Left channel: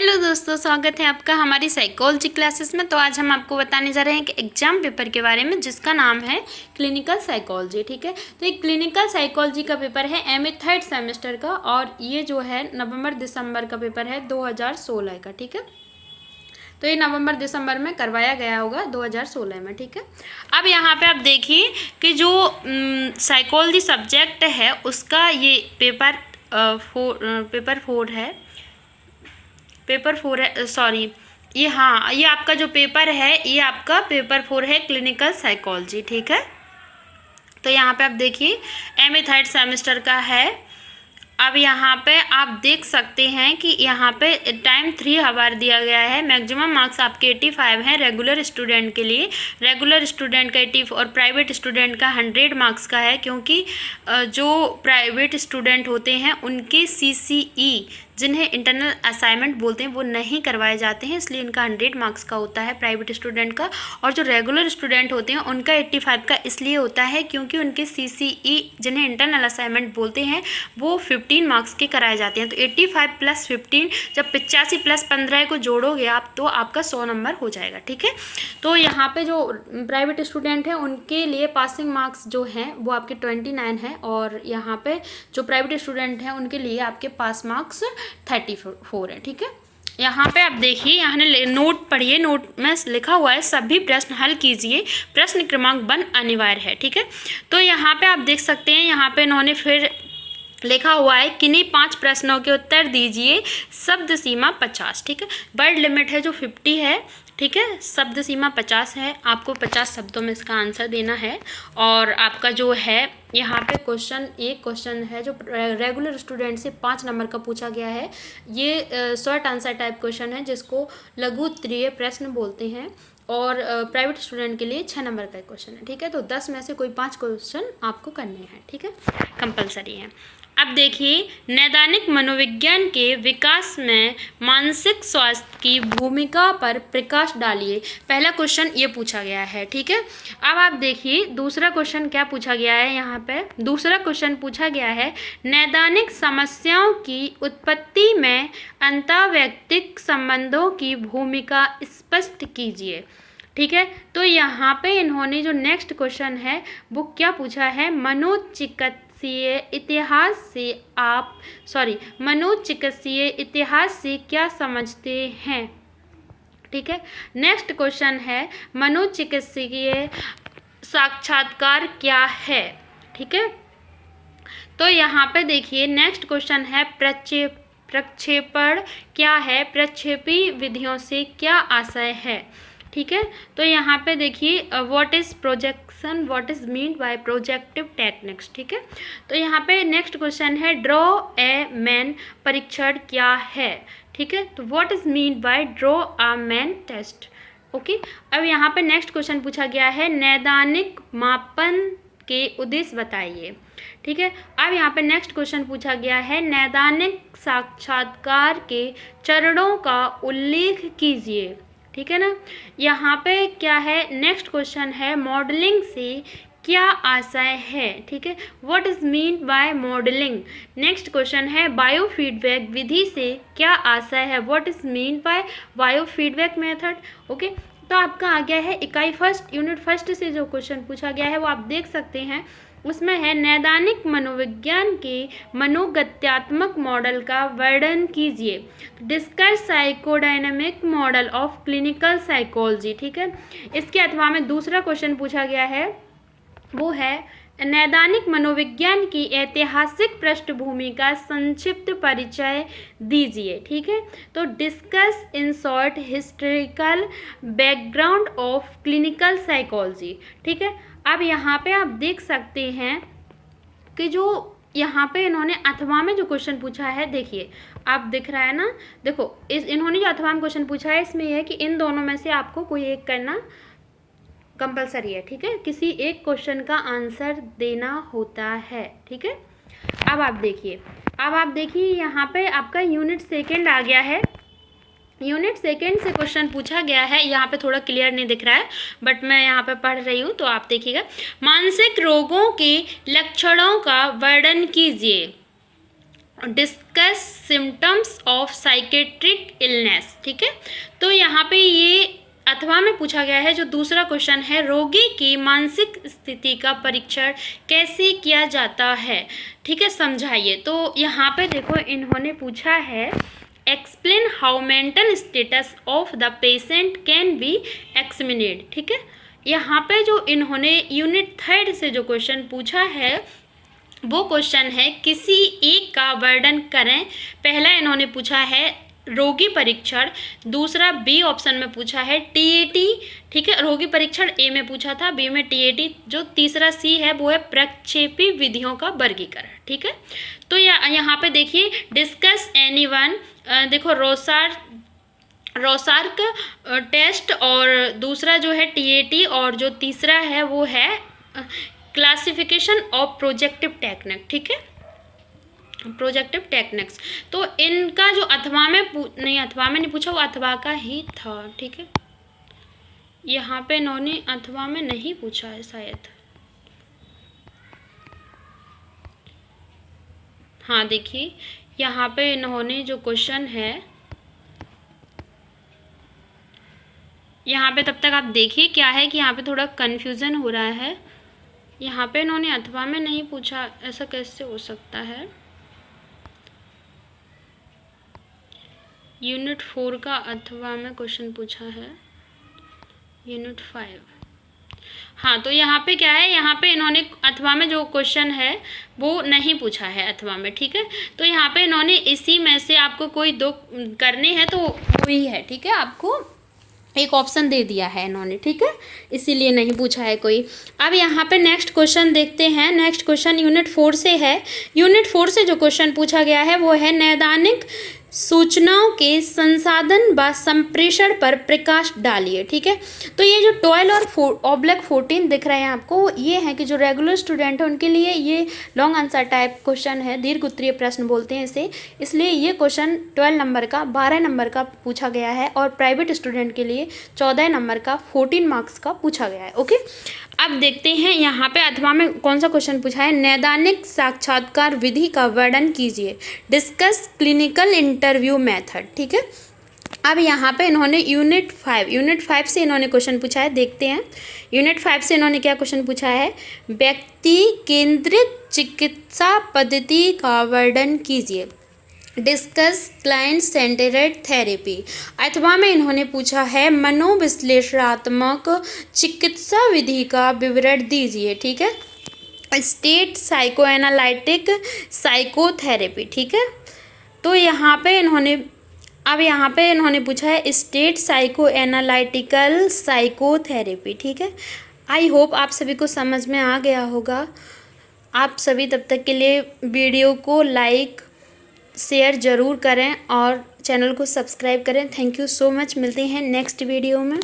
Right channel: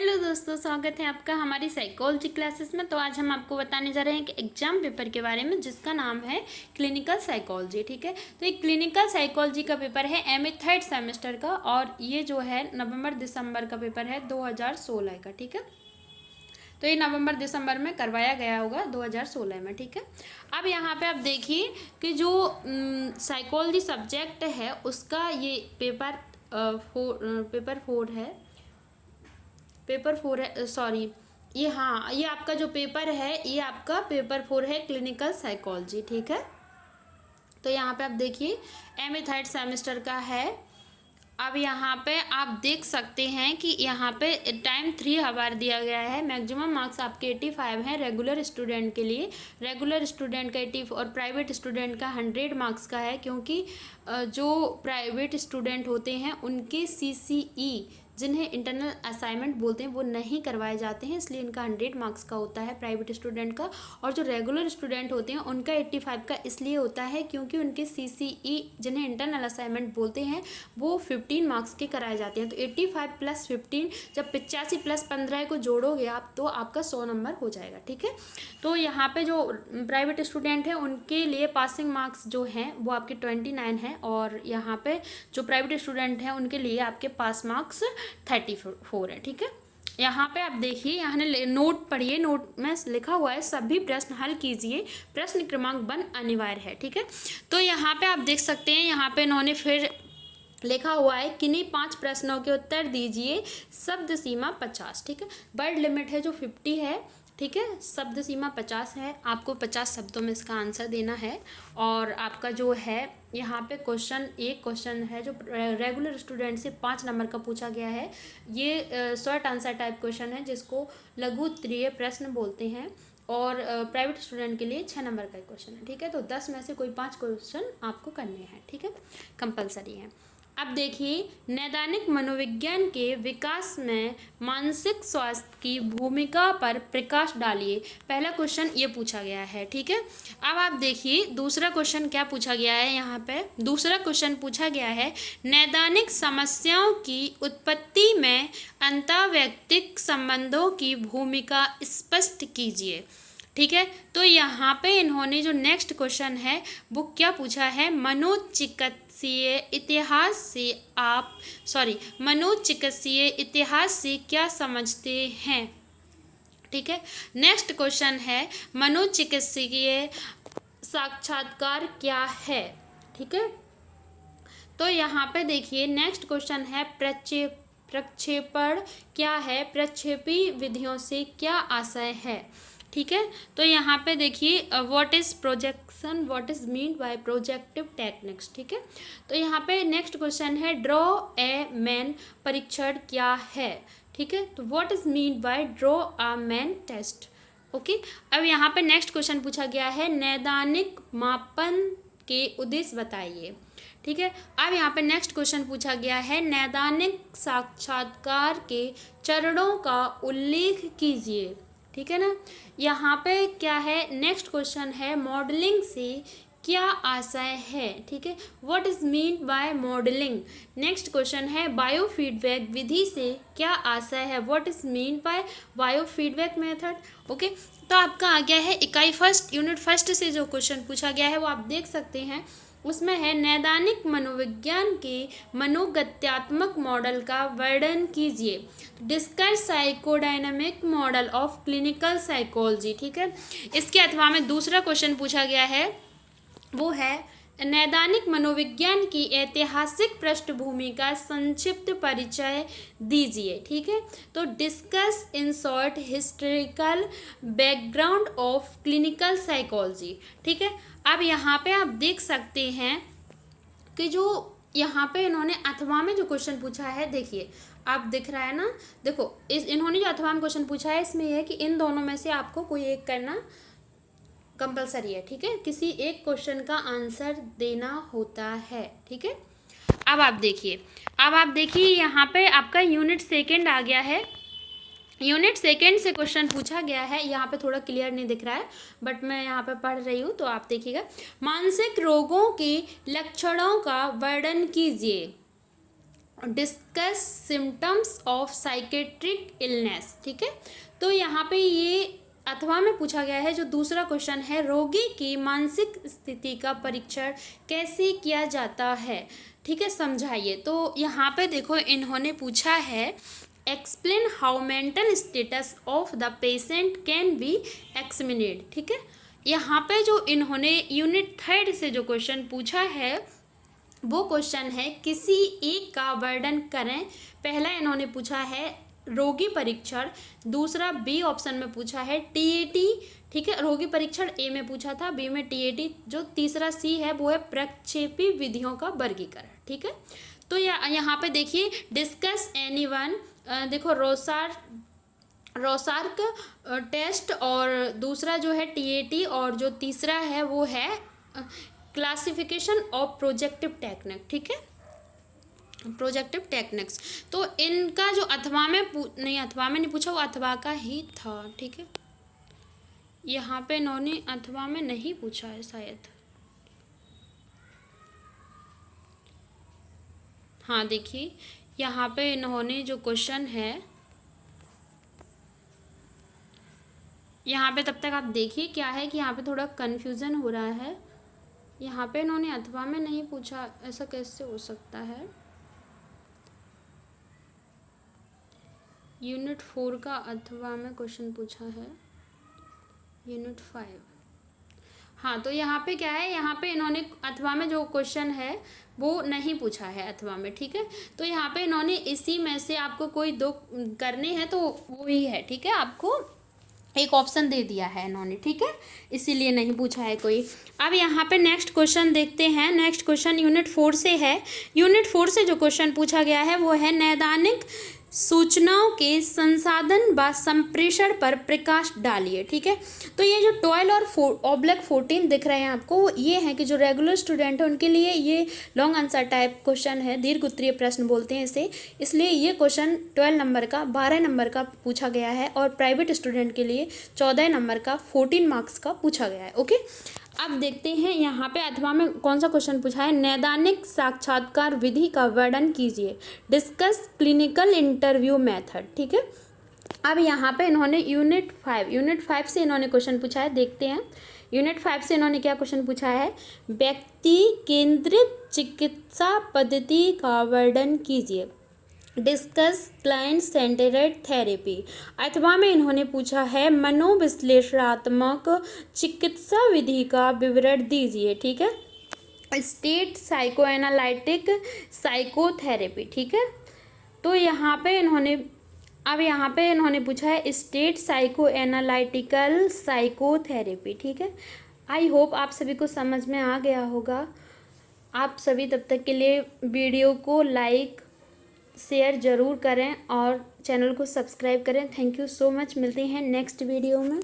Hello दोस्तों, स्वागत है आपका हमारी साइकोलॉजी क्लासेस में। तो आज हम आपको बताने जा रहे हैं कि एग्जाम पेपर के बारे में जिसका नाम है क्लिनिकल साइकोलॉजी। ठीक है, तो एक क्लिनिकल साइकोलॉजी का पेपर है एमए थर्ड सेमेस्टर का, और ये जो है नवंबर दिसंबर का पेपर है 2016 का। ठीक है, तो ये नवंबर दिसंबर में करवाया गया होगा 2016 में। ठीक है, अब यहाँ पे आप देखिए कि जो साइकोलॉजी सब्जेक्ट है उसका ये पेपर फोर है, सॉरी, ये हाँ, ये आपका जो पेपर है ये आपका पेपर 4 है क्लिनिकल साइकोलॉजी। ठीक है, तो यहाँ पे आप देखिए एमए थर्ड सेमेस्टर का है। अब यहाँ पे आप देख सकते हैं कि यहाँ पे टाइम 3 आवर दिया गया है। मैक्सिमम मार्क्स आपके 85 हैं रेगुलर स्टूडेंट के लिए। रेगुलर स्टूडेंट का 80 और प्राइवेट स्टूडेंट का 100 मार्क्स का है, क्योंकि जो प्राइवेट स्टूडेंट होते हैं उनके सीसीई जिन्हें इंटरनल असाइनमेंट बोलते हैं वो नहीं करवाए जाते हैं, इसलिए इनका 100 मार्क्स का होता है प्राइवेट स्टूडेंट का। और जो रेगुलर स्टूडेंट होते हैं उनका 85 का इसलिए होता है क्योंकि उनके सीसीई जिन्हें इंटरनल असाइनमेंट बोलते हैं वो 15 मार्क्स के कराए जाते हैं। तो 85 + 15, जब 85 + 15 को जोड़ोगे आप तो आपका 100 नंबर हो जाएगा। ठीक है, तो यहाँ पे जो प्राइवेट स्टूडेंट हैं उनके लिए पासिंग मार्क्स जो हैं वो आपके 29 हैं, और यहाँ पे जो प्राइवेट स्टूडेंट हैं उनके लिए आपके पास मार्क्स 34 है। ठीक है, यहाँ पे आप देखिए, यहाँ ने नोट पढ़िए, नोट में लिखा हुआ है सभी प्रश्न हल कीजिए, प्रश्न क्रमांक 1 अनिवार्य है। ठीक है, तो यहाँ पे आप देख सकते हैं, यहाँ पे इन्होंने फिर लिखा हुआ है किन्हीं 5 प्रश्नों के उत्तर दीजिए, शब्द सीमा 50। ठीक है, वर्ड लिमिट है जो 50 है। ठीक है, शब्द सीमा 50 है, आपको 50 शब्दों में इसका आंसर देना है। और आपका जो है यहाँ पे एक क्वेश्चन है जो रेगुलर स्टूडेंट से 5 नंबर का पूछा गया है। ये शॉर्ट आंसर टाइप क्वेश्चन है जिसको लघु उत्तरीय प्रश्न बोलते हैं, और प्राइवेट स्टूडेंट के लिए 6 नंबर का क्वेश्चन है। ठीक है, तो 10 में से कोई 5 क्वेश्चन आपको करने हैं। ठीक है, कंपलसरी है। अब देखिए, नैदानिक मनोविज्ञान के विकास में मानसिक स्वास्थ्य की भूमिका पर प्रकाश डालिए। पहला क्वेश्चन ये पूछा गया है। ठीक है, अब आप देखिए दूसरा क्वेश्चन क्या पूछा गया है। यहाँ पे दूसरा क्वेश्चन पूछा गया है नैदानिक समस्याओं की उत्पत्ति में अंतर्वैयक्तिक संबंधों की भूमिका स्पष्ट कीजिए। ठीक है, तो यहाँ पे इन्होंने जो नेक्स्ट क्वेश्चन है वो क्या पूछा है, मनोचिकित्सीय इतिहास से क्या समझते हैं। ठीक है, नेक्स्ट क्वेश्चन है मनोचिकित्सीय साक्षात्कार क्या है। ठीक है, तो यहाँ पे देखिए नेक्स्ट क्वेश्चन है प्रक्षेपण क्या है, प्रक्षेपी विधियों से क्या आशय है। ठीक है, तो यहाँ पे देखिए what is projection, what is mean by projective techniques. ठीक है, तो यहाँ पे नेक्स्ट क्वेश्चन है ड्रॉ ए मैन परीक्षण क्या है। ठीक है, तो what is mean by draw a man test. Okay, अब यहाँ पे नेक्स्ट क्वेश्चन पूछा गया है नैदानिक मापन के उद्देश्य बताइए। ठीक है, अब यहाँ पे नेक्स्ट क्वेश्चन पूछा गया है नैदानिक साक्षात्कार के चरणों का उल्लेख कीजिए। ठीक है ना, यहाँ पे क्या है, नेक्स्ट क्वेश्चन है मॉडलिंग से क्या आशय है। ठीक है, what is mean bye modelling. Next question है बायोफीडबैक विधि से क्या आशय है, what is mean bye biofeedback method. Okay, तो आपका आ गया है इकाई फर्स्ट यूनिट फर्स्ट से जो क्वेश्चन पूछा गया है वो आप देख सकते हैं। उसमें है नैदानिक मनोविज्ञान के मनोगत्यात्मक मॉडल का वर्णन कीजिए, discuss psychodynamic model of clinical psychology. ठीक है, इसके अथवा में दूसरा क्वेश्चन पूछा गया है वो है नैदानिक मनोविज्ञान की ऐतिहासिक पृष्ठभूमि का संक्षिप्त परिचय दीजिए। ठीक है, तो discuss in short historical background of clinical psychology. ठीक है, अब यहाँ पे आप देख सकते हैं कि जो यहाँ पे इन्होंने अथवा में जो क्वेश्चन पूछा है, देखिए आप दिख रहा है ना, देखो इन्होंने जो अथवा में क्वेश्चन पूछा है इसमें यह है कि इन दोनों में से आपको कोई एक करना कंपलसरी है। ठीक है, किसी एक क्वेश्चन का आंसर देना होता है। ठीक है, अब आप देखिए यहाँ पे आपका यूनिट सेकेंड आ गया है। यूनिट सेकेंड से क्वेश्चन पूछा गया है, यहाँ पे थोड़ा क्लियर नहीं दिख रहा है बट मैं यहाँ पे पढ़ रही हूँ तो आप देखिएगा। मानसिक रोगों के लक्षणों का वर्णन कीजिए। Discuss symptoms of psychiatric illness. ठीक है, तो यहाँ पे ये अथवा में पूछा गया है। जो दूसरा क्वेश्चन है, रोगी की मानसिक स्थिति का परीक्षण कैसे किया जाता है। ठीक है, समझाइए। तो यहाँ पे देखो इन्होंने पूछा है, explain how mental status of the patient can be examined. ठीक है, यहाँ पे जो इन्होंने यूनिट 3 से जो क्वेश्चन पूछा है वो क्वेश्चन है, किसी एक का वर्णन करें। पहला इन्होंने पूछा है रोगी परीक्षण, दूसरा बी ऑप्शन में पूछा है टीएटी। ठीक है, रोगी परीक्षण ए में पूछा था, बी में टीएटी। जो तीसरा सी है वो है प्रक्षेपी विधियों का वर्गीकरण। ठीक है, तो यहाँ पे देखिए, डिस्कस एनीवन, देखो रोसार्क टेस्ट, और दूसरा जो है टीएटी, और जो तीसरा है वो है क्लासिफिकेशन ऑफ प्रोजेक्टिव टेक्निक। ठीक है, प्रोजेक्टिव टेक्निक्स। तो इनका जो अथवा में नहीं पूछा, वो अथवा का ही था। ठीक है, यहाँ पे इन्होंने अथवा में नहीं पूछा है शायद। हाँ देखिए, यहाँ पे इन्होंने जो क्वेश्चन है, यहाँ पे तब तक आप देखिए क्या है कि यहाँ पे थोड़ा कन्फ्यूज़न हो रहा है। यहाँ पे इन्होंने अथवा में नहीं पूछा, ऐसा कैसे हो सकता है। यूनिट 4 का अथवा में क्वेश्चन पूछा है, यूनिट 5। हाँ, तो यहाँ पे क्या है, यहाँ पे इन्होंने अथवा में जो क्वेश्चन है वो नहीं पूछा है अथवा में। ठीक है, तो यहाँ पे इन्होंने इसी में से आपको कोई दो करने हैं तो वही है। ठीक है, आपको एक ऑप्शन दे दिया है इन्होंने। ठीक है, इसीलिए नहीं पूछा है कोई। अब यहाँ पे नेक्स्ट क्वेश्चन देखते हैं। नेक्स्ट क्वेश्चन यूनिट 4 से है। यूनिट 4 से जो क्वेश्चन पूछा गया है वो है, नैदानिक सूचनाओं के संसाधन व संप्रेषण पर प्रकाश डालिए। ठीक है, तो ये जो 12 और /14 दिख रहे हैं आपको, ये है कि जो रेगुलर स्टूडेंट है उनके लिए ये लॉन्ग आंसर टाइप क्वेश्चन है, दीर्घ उत्तरीय प्रश्न बोलते हैं इसे। इसलिए ये क्वेश्चन 12 नंबर का 12 नंबर का पूछा गया है, और प्राइवेट स्टूडेंट के लिए 14 नंबर का 14 मार्क्स का पूछा गया है। ओके, अब देखते हैं यहाँ पे अथवा में कौन सा क्वेश्चन पूछा है। नैदानिक साक्षात्कार विधि का वर्णन कीजिए, डिस्कस क्लिनिकल इंटरव्यू मेथड। ठीक है, अब यहाँ पे इन्होंने यूनिट 5 से इन्होंने क्वेश्चन पूछा है, देखते हैं। यूनिट 5 से इन्होंने क्या क्वेश्चन पूछा है, व्यक्ति केंद्रित चिकित्सा पद्धति का वर्णन कीजिए, डिस्कस क्लाइंट सेंटर्ड थेरेपी। अथवा में इन्होंने पूछा है, मनोविश्लेषणात्मक चिकित्सा विधि का विवरण दीजिए। ठीक है, स्टेट साइको एनालिटिक साइकोथेरेपी। ठीक है, तो यहाँ पे इन्होंने पूछा है स्टेट साइको एनालिटिकल साइकोथेरेपी। ठीक है, आई होप आप सभी को समझ में आ गया होगा। आप सभी तब तक के लिए वीडियो को लाइक शेयर ज़रूर करें और चैनल को सब्सक्राइब करें। थैंक यू सो मच, मिलते हैं नेक्स्ट वीडियो में।